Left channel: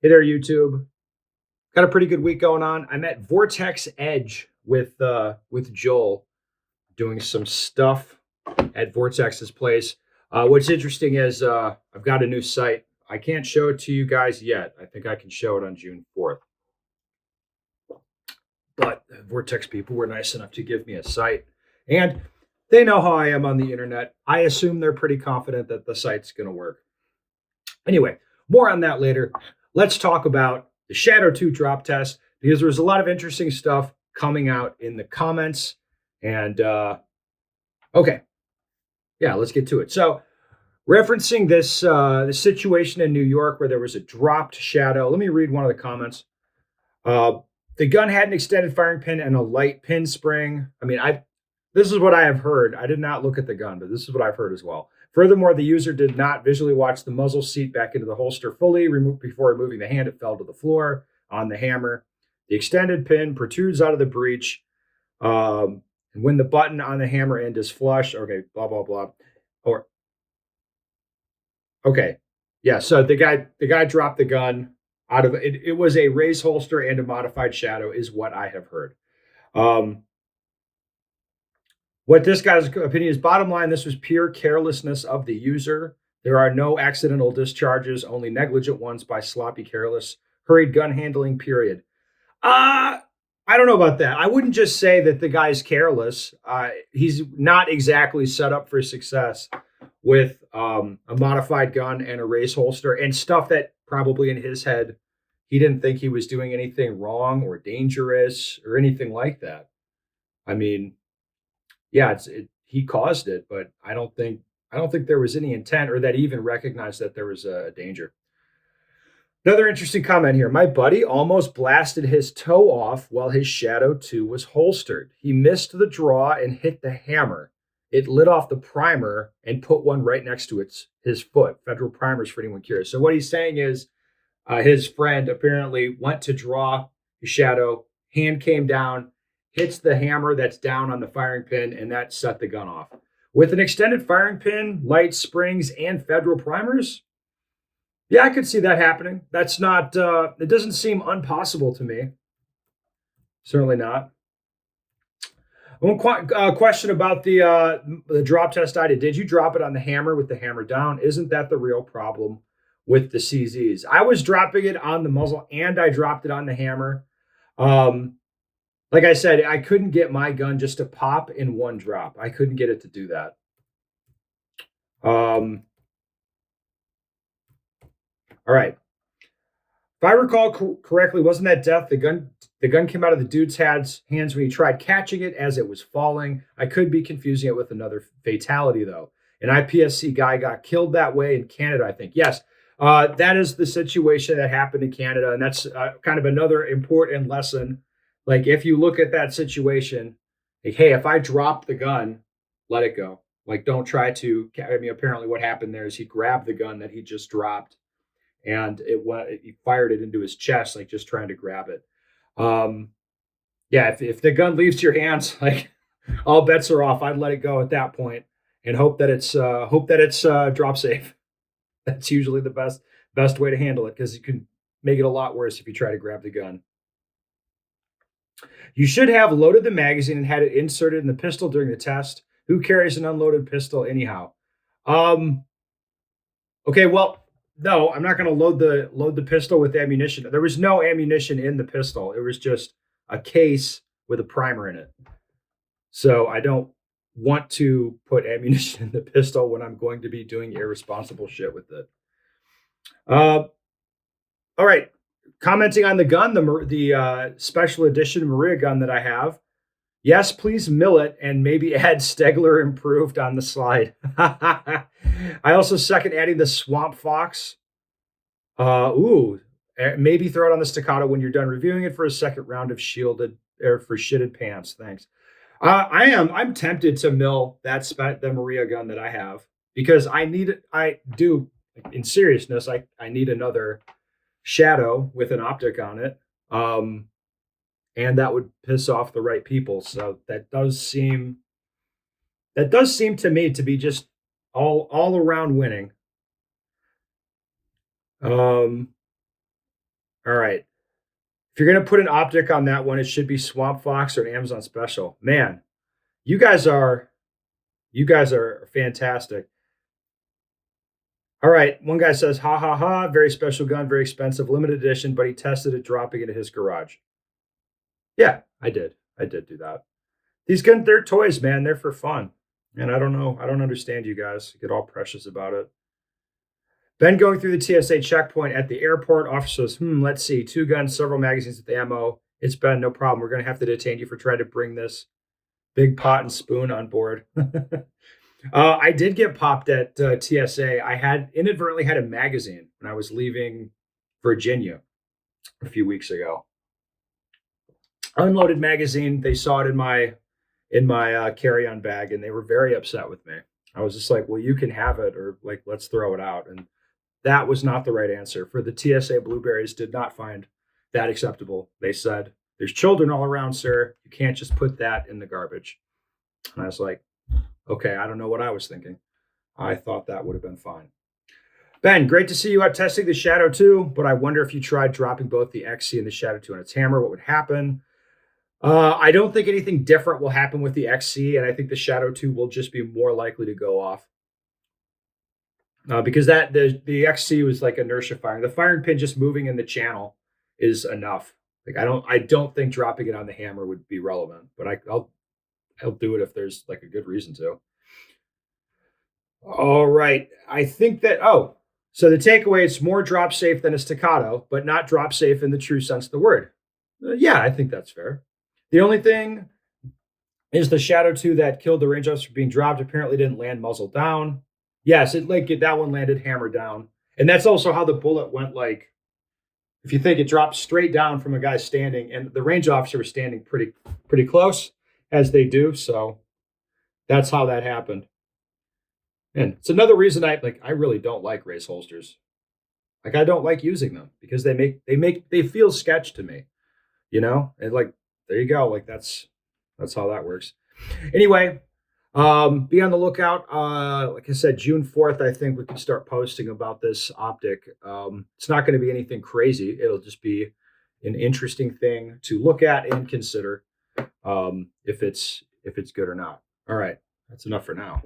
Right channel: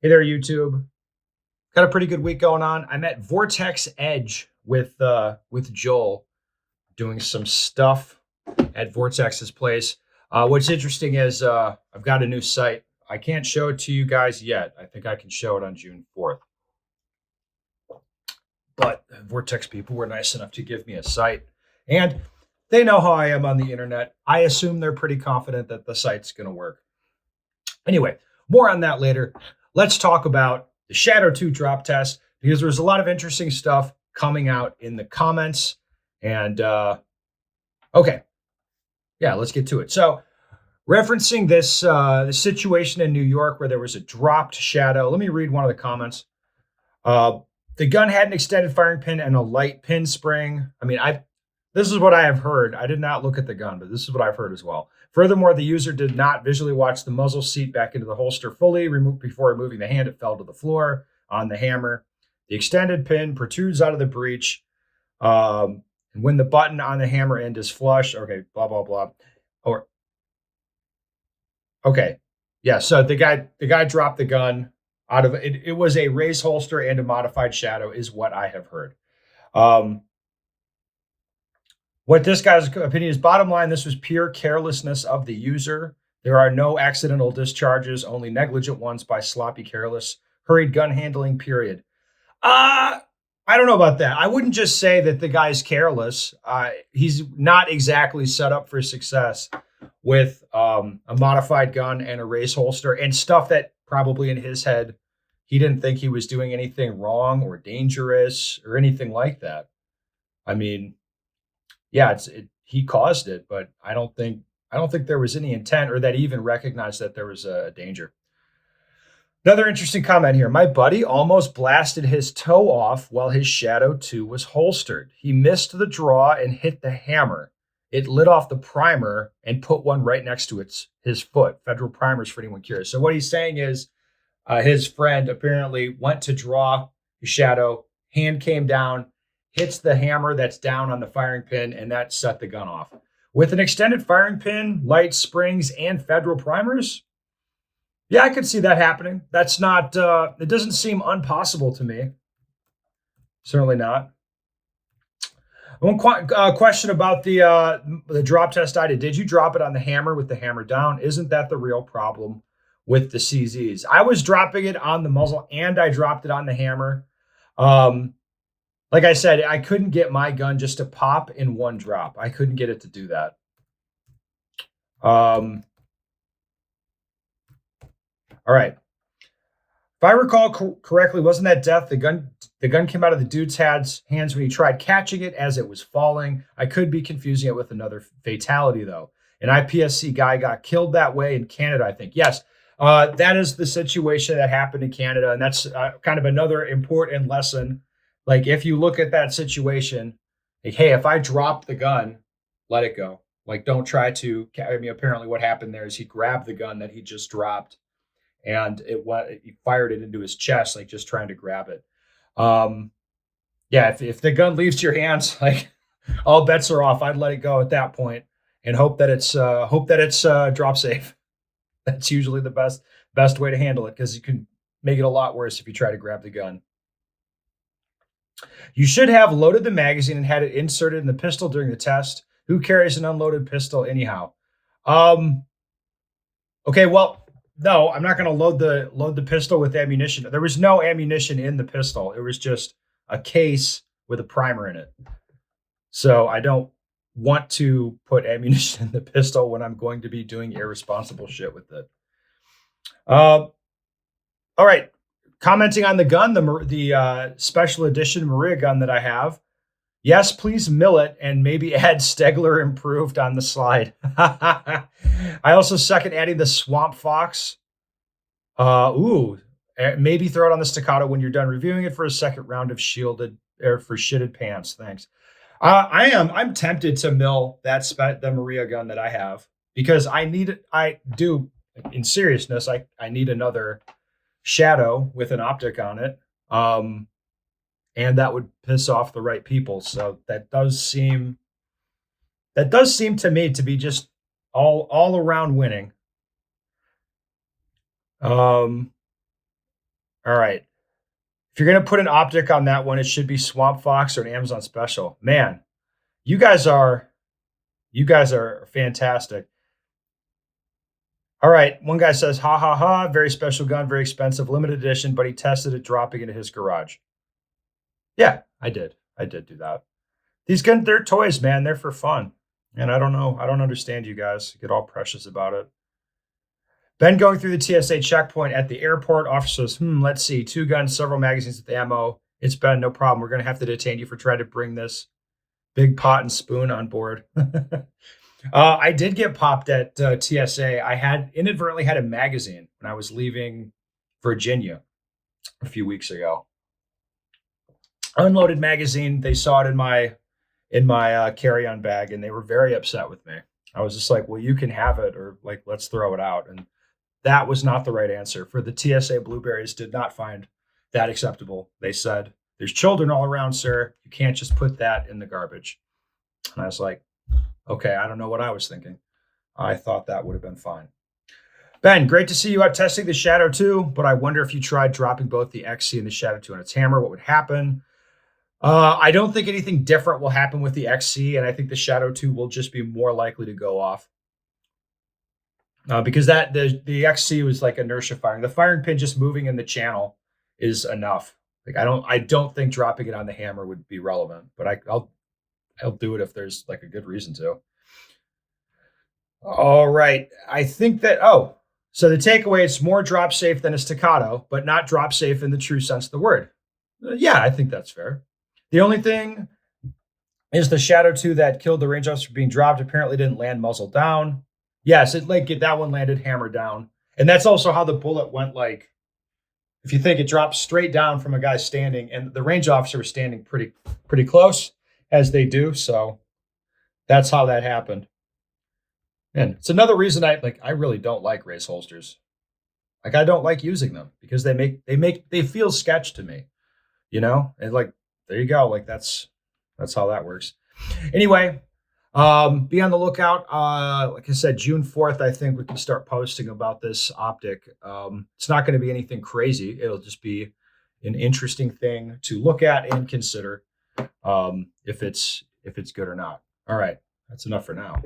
Hey there, YouTube. Got a pretty good week going on. I'm at Vortex Edge with Joel doing some stuff at Vortex's place. What's interesting is I've got a new site. I can't show it to you guys yet. I think I can show it on June 4th. But Vortex people were nice enough to give me a site, and they know how I am on the internet. I assume they're pretty confident that the site's going to work. Anyway, more on that later. Let's talk about the Shadow 2 drop test because there's a lot of interesting stuff coming out in the comments. And okay, yeah, let's get to it. So, referencing this the situation in New York where there was a dropped Shadow. Let me read one of the comments. Uh, the gun had an extended firing pin and a light pin spring. I mean, I this is what I have heard. I did not look at the gun, but this is what I've heard as well. Furthermore, the user did not visually watch the muzzle seat back into the holster fully. Removed before removing the hand, it fell to the floor on the hammer. The extended pin protrudes out of the breech. And when the button on the hammer end is flush, okay, blah blah blah. Or okay, yeah. So the guy dropped the gun out of it. It was a raised holster and a modified Shadow, is what I have heard. Um, What this guy's opinion is, bottom line, this was pure carelessness of the user. There are no accidental discharges, only negligent ones by sloppy, careless, hurried gun handling, period. Uh, I don't know about that. I wouldn't just say that the guy's careless. He's not exactly set up for success with a modified gun and a race holster and stuff that probably in his head he didn't think he was doing anything wrong or dangerous or anything like that. I mean, yeah, he caused it, but I don't think there was any intent or that he even recognized that there was a danger. Another interesting comment here. My buddy almost blasted his toe off while his Shadow 2 was holstered. He missed the draw and hit the hammer. It lit off the primer and put one right next to his foot. Federal primers for anyone curious. So what he's saying is his friend apparently went to draw the Shadow, hand came down, hits the hammer that's down on the firing pin, and that set the gun off. With an extended firing pin, light springs, and federal primers, yeah, I could see that happening. That's not, it doesn't seem impossible to me. Certainly not. One question about the drop test I did. Did you drop it on the hammer with the hammer down? Isn't that the real problem with the CZs? I was dropping it on the muzzle and I dropped it on the hammer. Um, like I said, I couldn't get my gun just to pop in one drop. I couldn't get it to do that. Um, all right. If I recall correctly, wasn't that death? The gun came out of the dude's hands when he tried catching it as it was falling. I could be confusing it with another fatality though. An IPSC guy got killed that way in Canada, I think. Yes, that is the situation that happened in Canada, and that's kind of another important lesson. Like if you look at that situation, like, hey, if I drop the gun, let it go. Like don't try to. I mean, apparently what happened there is he grabbed the gun that he just dropped and he fired it into his chest, like just trying to grab it. Um, yeah, if the gun leaves your hands, like all bets are off. I'd let it go at that point and hope that it's drop safe. That's usually the best way to handle it because you can make it a lot worse if you try to grab the gun. You should have loaded the magazine and had it inserted in the pistol during the test. Who carries an unloaded pistol anyhow? Um, okay, well, no, I'm not going to load the pistol with ammunition. There was no ammunition in the pistol. It was just a case with a primer in it. So I don't want to put ammunition in the pistol when I'm going to be doing irresponsible shit with it. Uh, all right. Commenting on the gun, the special edition Maria gun that I have. Yes, please mill it and maybe add Stegler improved on the slide. I also second adding the Swamp Fox. Maybe throw it on the staccato when you're done reviewing it for a second round of shielded or for shitted pants. Thanks. I'm tempted to mill the Maria gun that I have because I need it. I do, in seriousness, I need another Shadow with an optic on it. And that would piss off the right people. So that does seem to me to be just all around winning. Um, All right. If you're gonna put an optic on that one, it should be Swamp Fox or an Amazon special. Man, you guys are you guys are fantastic. All right. One guy says, ha ha ha, very special gun, very expensive, limited edition, but he tested it dropping into his garage. Yeah, I did. I did do that. These guns, they're toys, man. They're for fun. And I don't know. I don't understand you guys. Get all precious about it. Ben going through the TSA checkpoint at the airport. Officer says, let's see. 2 guns, several magazines with ammo. It's Ben, no problem. We're going to have to detain you for trying to bring this big pot and spoon on board. I did get popped at TSA. I had inadvertently had a magazine when I was leaving Virginia a few weeks ago. Unloaded magazine. They saw it in my carry-on bag, and they were very upset with me. I was just like, "Well, you can have it, or like, let's throw it out." And that was not the right answer. For the TSA Blueberries, did not find that acceptable. They said, "There's children all around, sir. You can't just put that in the garbage." And I was like, "Okay, I don't know what I was thinking. I thought that would have been fine." Ben, great to see you out testing the Shadow 2, but I wonder if you tried dropping both the XC and the Shadow 2 on its hammer, what would happen? I don't think anything different will happen with the XC, and I think the Shadow 2 will just be more likely to go off. Because the XC was like inertia firing. The firing pin just moving in the channel is enough. Like I don't think dropping it on the hammer would be relevant, but I'll do it if there's like a good reason to. All right. I think that so the takeaway it's more drop safe than a staccato, but not drop safe in the true sense of the word. Yeah, I think that's fair. The only thing is the Shadow 2 that killed the range officer being dropped apparently didn't land muzzle down. Yes, that one landed hammer down. And that's also how the bullet went. Like, if you think, it dropped straight down from a guy standing, and the range officer was standing pretty close, as they do. So that's how that happened. And it's another reason I really don't like race holsters. Like, I don't like using them because they feel sketch to me, And like, there you go. Like, that's how that works. Anyway, be on the lookout. Like I said, June 4th, I think we can start posting about this optic. It's not going to be anything crazy. It'll just be an interesting thing to look at and consider, if it's good or not. All right, that's enough for now.